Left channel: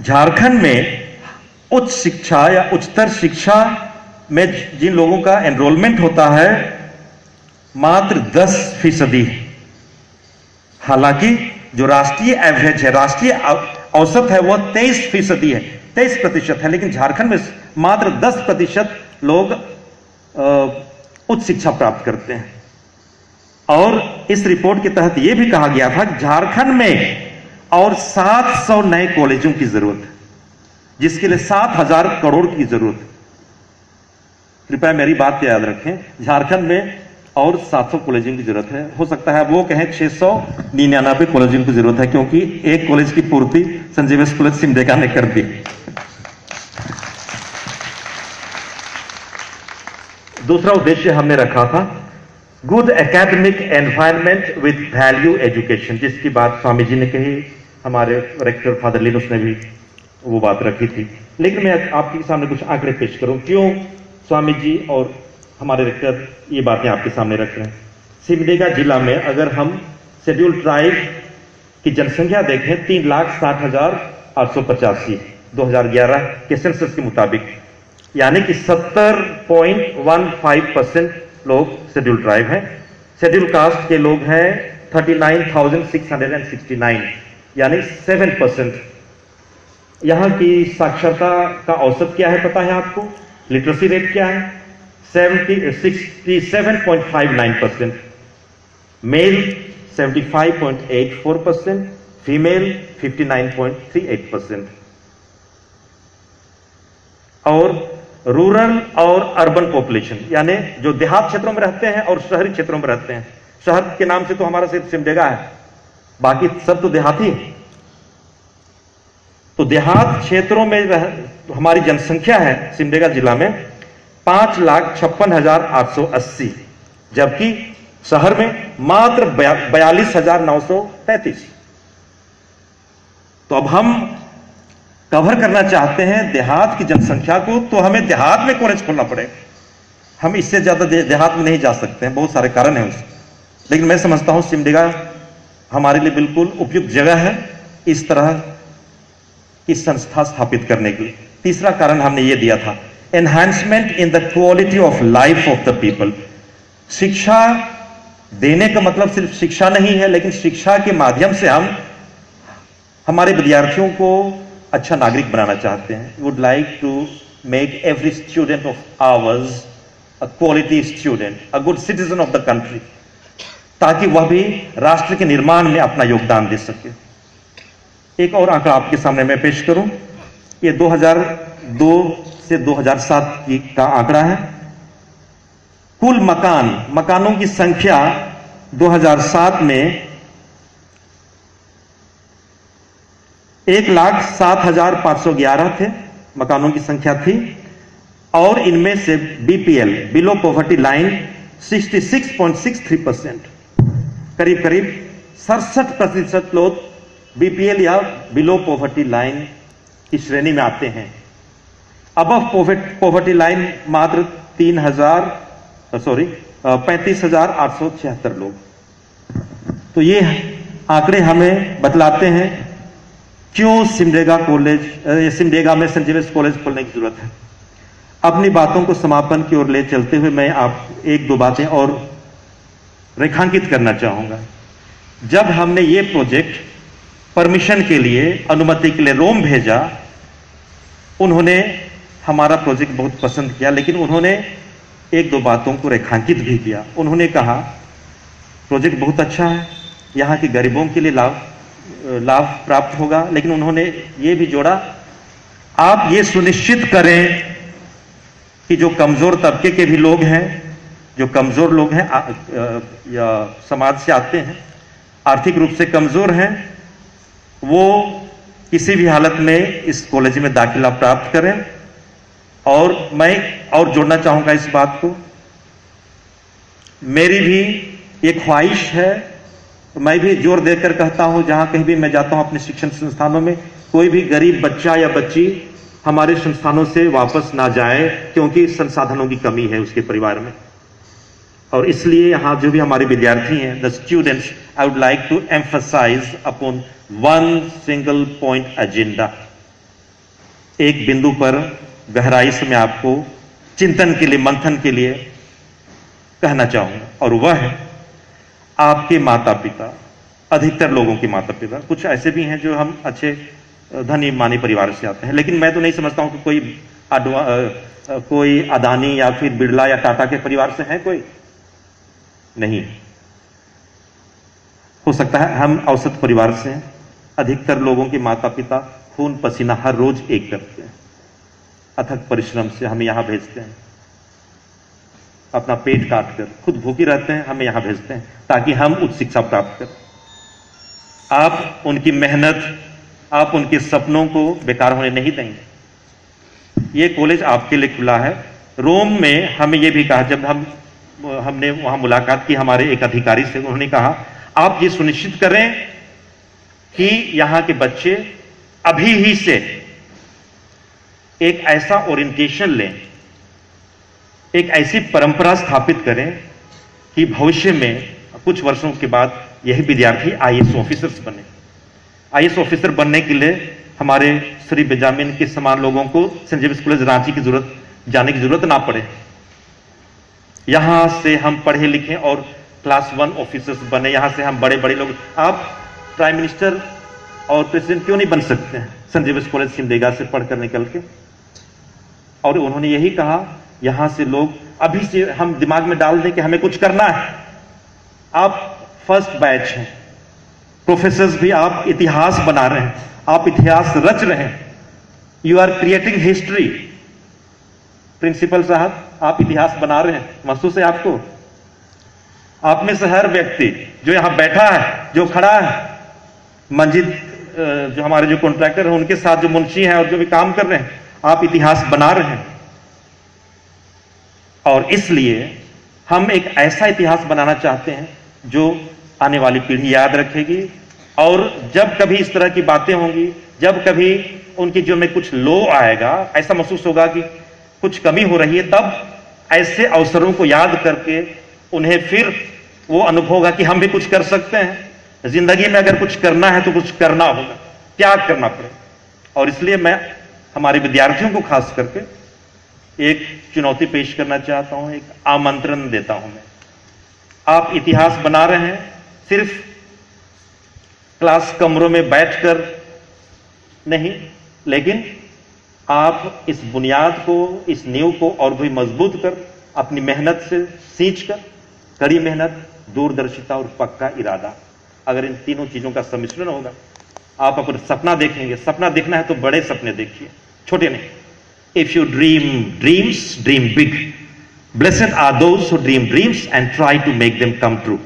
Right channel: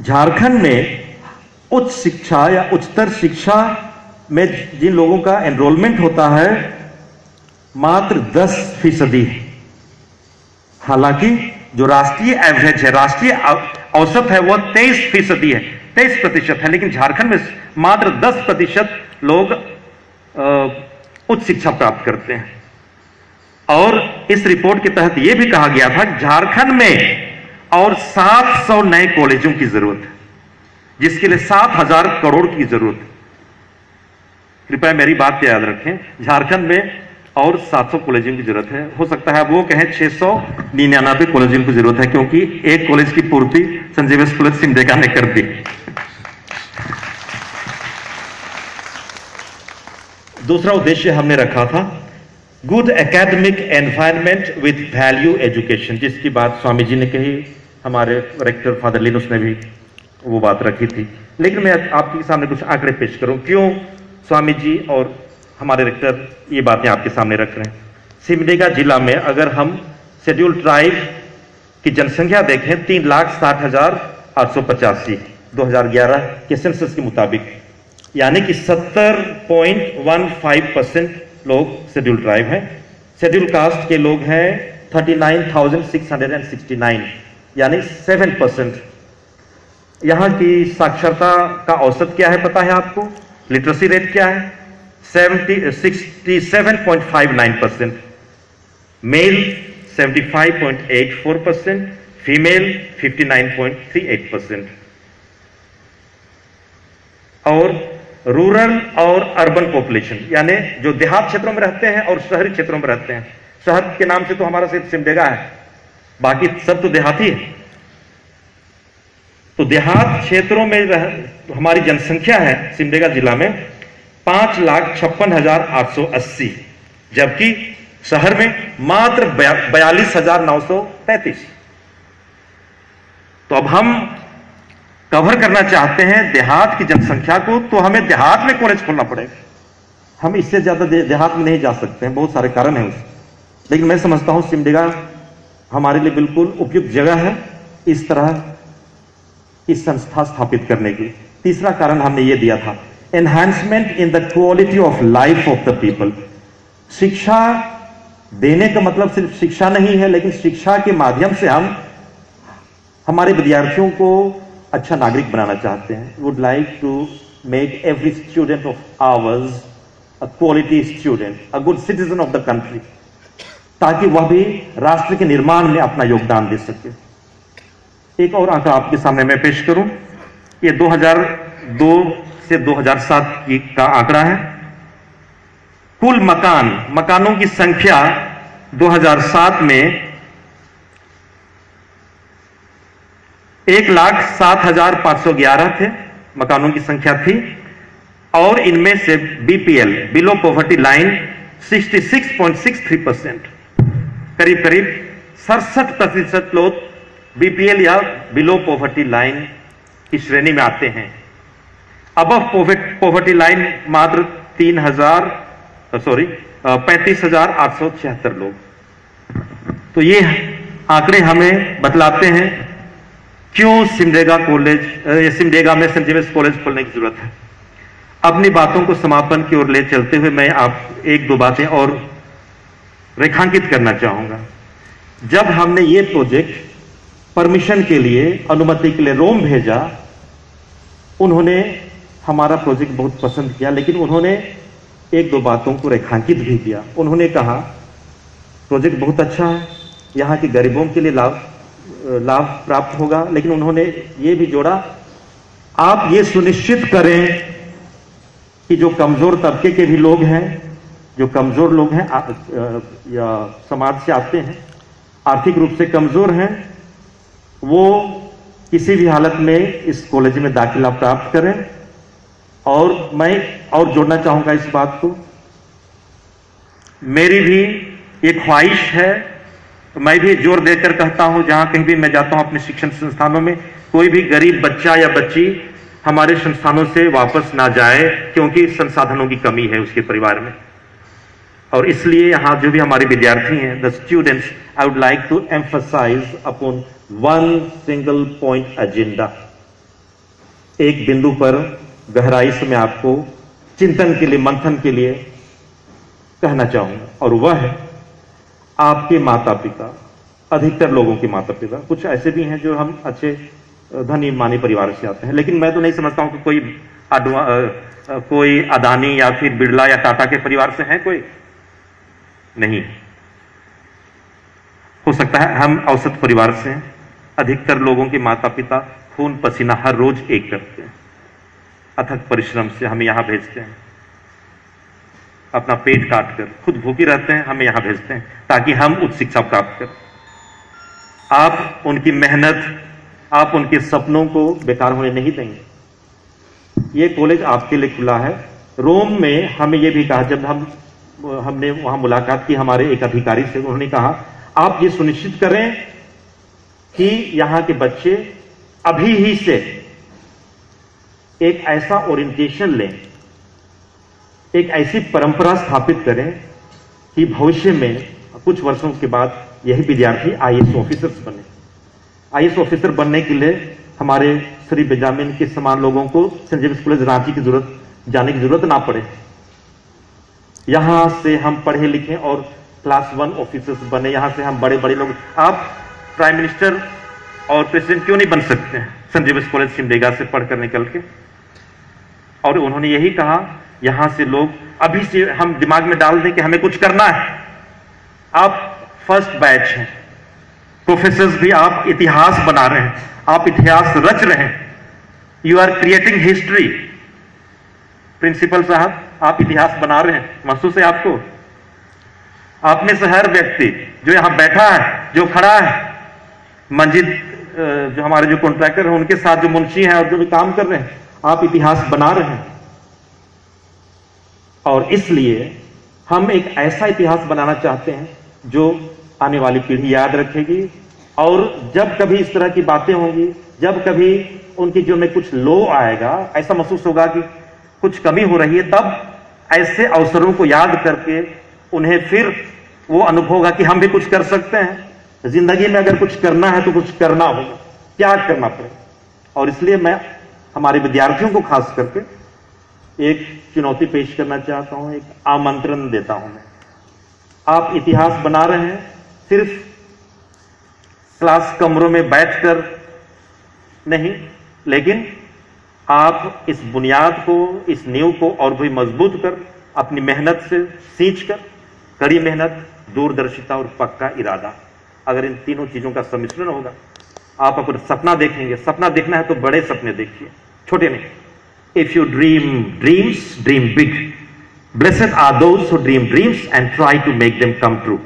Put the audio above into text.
झारखंड में उच्च शिक्षा या उच्चतर शिक्षा में जिन लोगों का एनरोलमेंट होता है मात्र 10% है। हालांकि जो राष्ट्रीय एवरेज है, राष्ट्रीय औसत है, वह 23% है, 23% है, लेकिन झारखंड में मात्र 10% लोग उच्च शिक्षा प्राप्त करते हैं। और इस रिपोर्ट के तहत यह भी कहा गया था कि झारखंड में और 700 नए कॉलेजों की जरूरत है, जिसके लिए 7,000 करोड़ की जरूरत है। कृपया मेरी बात याद रखें, झारखंड में और 700 कॉलेजों की जरूरत है। हो सकता है वो कहें 699 कॉलेजों की जरूरत है, क्योंकि एक कॉलेज की पूर्ति संजीव कॉलेज सिमडेगा ने कर दी। दूसरा उद्देश्य हमने रखा था good academic environment with value education, जिसकी बात स्वामी जी ने कही, हमारे रेक्टर फादर लिनोस ने भी वो बात रखी थी। लेकिन मैं आपके सामने कुछ आंकड़े पेश करूं, क्यों स्वामी जी और हमारे रेक्टर ये बातें आपके सामने रख रहे हैं। सिमडेगा जिला में अगर हम शेड्यूल ट्राइब की जनसंख्या देखें 3,60,885 2011 के सेंसस के मुताबिक, यानी कि 70.15% लोग शेड्यूल ट्राइब हैं। शेड्यूल कास्ट के लोग हैं 39,669 यानी 7%। यहां की साक्षरता का औसत क्या है पता है आपको? लिटरेसी रेट क्या है? 67.59%, मेल 75.84%, फीमेल 59.38%। और रूरल और अर्बन पॉपुलेशन, यानी जो देहात क्षेत्रों में रहते हैं और शहरी क्षेत्रों में रहते हैं। शहर के नाम से तो हमारा सिर्फ सिमडेगा है, बाकी सब तो देहाती है। तो देहात क्षेत्रों में हमारी जनसंख्या है सिमडेगा जिला में 5,56,880, जबकि शहर में मात्र 42,933। तो अब हम कवर करना चाहते हैं देहात की जनसंख्या को, तो हमें देहात में कॉलेज खोलना पड़ेगा। हम इससे ज्यादा देहात में नहीं जा सकते हैं, बहुत सारे कारण हैं उसके। लेकिन मैं समझता हूं सिमडेगा हमारे लिए बिल्कुल उपयुक्त जगह है इस तरह की संस्था स्थापित करने की। तीसरा कारण हमने ये दिया था, enhancement in the quality of life of the people. शिक्षा देने का मतलब सिर्फ शिक्षा नहीं है, लेकिन शिक्षा के माध्यम से हम हमारे विद्यार्थियों को अच्छा नागरिक बनाना चाहते हैं। Would like to make every student of ours a quality student, a good citizen of the country, ताकि वह भी राष्ट्र के निर्माण में अपना योगदान दे सके। एक और आंकड़ा आपके सामने मैं पेश करूं, ये 2002 से 2007 का आंकड़ा है। कुल मकानों की संख्या 2007 में 1,07,511 थे, मकानों की संख्या थी। और इनमें से बीपीएल, बिलो पॉवर्टी लाइन 66.63%, करीब करीब 67% लोग बीपीएल या बिलो पॉवर्टी लाइन की श्रेणी में आते हैं। अबव पॉवर्टी लाइन मात्र 35,876 लोग। तो ये आंकड़े हमें बतलाते हैं क्यों सिमडेगा में सेंट जेवियर्स कॉलेज खोलने की जरूरत है। अपनी बातों को समापन की ओर ले चलते हुए मैं आप एक दो बातें और रेखांकित करना चाहूंगा। जब हमने ये प्रोजेक्ट परमिशन के लिए, अनुमति के लिए रोम भेजा, उन्होंने हमारा प्रोजेक्ट बहुत पसंद किया, लेकिन उन्होंने एक दो बातों को रेखांकित भी किया। उन्होंने कहा प्रोजेक्ट बहुत अच्छा है, यहाँ के गरीबों के लिए लाभ प्राप्त होगा, लेकिन उन्होंने ये भी जोड़ा, आप ये सुनिश्चित करें कि जो कमजोर तबके के भी लोग हैं, जो कमजोर लोग हैं या समाज से आते हैं, आर्थिक रूप से कमजोर हैं, वो किसी भी हालत में इस कॉलेज में दाखिला प्राप्त करें। और मैं और जोड़ना चाहूंगा इस बात को, मेरी भी एक ख्वाहिश है, मैं भी जोर देकर कहता हूं, जहां कहीं भी मैं जाता हूं अपने शिक्षण संस्थानों में, कोई भी गरीब बच्चा या बच्ची हमारे संस्थानों से वापस ना जाए, क्योंकि संसाधनों की कमी है उसके परिवार में। और इसलिए यहां जो भी हमारे विद्यार्थी हैं, the students, I would like to emphasise upon one single point agenda, एक बिंदु पर गहराई से मैं आपको चिंतन के लिए, मंथन के लिए कहना चाहूंगा, और वह है आपके माता पिता, अधिकतर लोगों के माता पिता, कुछ ऐसे भी हैं जो हम अच्छे धनी मानी परिवार से आते हैं, लेकिन मैं तो नहीं समझता हूं कि कोई अदानी या फिर बिरला या टाटा के परिवार से है, कोई नहीं। हो सकता है हम औसत परिवार से हैं। अधिकतर लोगों के माता पिता खून पसीना हर रोज एक करते हैं, अथक परिश्रम से हमें यहां भेजते हैं, अपना पेट काट कर, खुद भूखे रहते हैं, हमें यहां भेजते हैं ताकि हम उच्च शिक्षा प्राप्त करें। आप उनकी मेहनत, आप उनके सपनों को बेकार होने नहीं देंगे। ये कॉलेज आपके लिए खुला है। रोम में हमें यह भी कहा, जब हमने वहां मुलाकात की हमारे एक अधिकारी से, उन्होंने कहा आप ये सुनिश्चित करें कि यहां के बच्चे अभी ही से एक ऐसा ओरिएंटेशन लें, एक ऐसी परंपरा स्थापित करें कि भविष्य में कुछ वर्षों के बाद यही विद्यार्थी आईएएस ऑफिसर्स बने। आईएएस ऑफिसर बनने के लिए हमारे श्री बेंजामिन के समान लोगों को सेंट जेम्स कॉलेज रांची की जाने की जरूरत ना पड़े। यहां से हम पढ़े लिखे और क्लास 1 ऑफिसर्स बने, यहां से हम बड़े बड़े लोग, आप प्राइम मिनिस्टर और प्रेसिडेंट क्यों नहीं बन सकते हैं सेंट जेम्स कॉलेज सिमडेगा से पढ़कर निकल के। और उन्होंने यही कहा, यहां से लोग अभी से हम दिमाग में डाल दें कि हमें कुछ करना है। आप फर्स्ट बैच हैं, प्रोफेसर्स भी आप इतिहास बना रहे हैं, आप इतिहास रच रहे हैं, you are creating history. Principal साहब आप इतिहास बना रहे हैं, महसूस है आपको? आप में से हर व्यक्ति जो यहां बैठा है, जो खड़ा है, मंजिल जो हमारे जो कॉन्ट्रैक्टर हैं उनके साथ जो मुंशी हैं और जो भी काम कर रहे हैं, आप इतिहास बना रहे हैं। और इसलिए हम एक ऐसा इतिहास बनाना चाहते हैं जो आने वाली पीढ़ी याद रखेगी, और जब कभी इस तरह की बातें होंगी, जब कभी उनकी जो में कुछ लो आएगा, ऐसा महसूस होगा कि कुछ कमी हो रही है, तब ऐसे अवसरों को याद करके उन्हें फिर वो अनुभव होगा कि हम भी कुछ कर सकते हैं। जिंदगी में अगर कुछ करना है तो कुछ करना होगा, त्याग करना पड़ेगा। और इसलिए मैं हमारे विद्यार्थियों को खास करके एक चुनौती पेश करना चाहता हूं, एक आमंत्रण देता हूं मैं। आप इतिहास बना रहे हैं सिर्फ क्लास कमरों में बैठकर नहीं, लेकिन आप इस बुनियाद को, इस नींव को और भी मजबूत कर, अपनी मेहनत से सींच कर, कड़ी मेहनत, दूरदर्शिता और पक्का इरादा, अगर इन तीनों चीजों का सम्मिश्रण होगा, आप अपना सपना देखेंगे। सपना देखना है तो बड़े सपने देखिए, छोटे नहीं। If you dream dreams, dream big. Blessed are those who dream dreams and try to make them come true.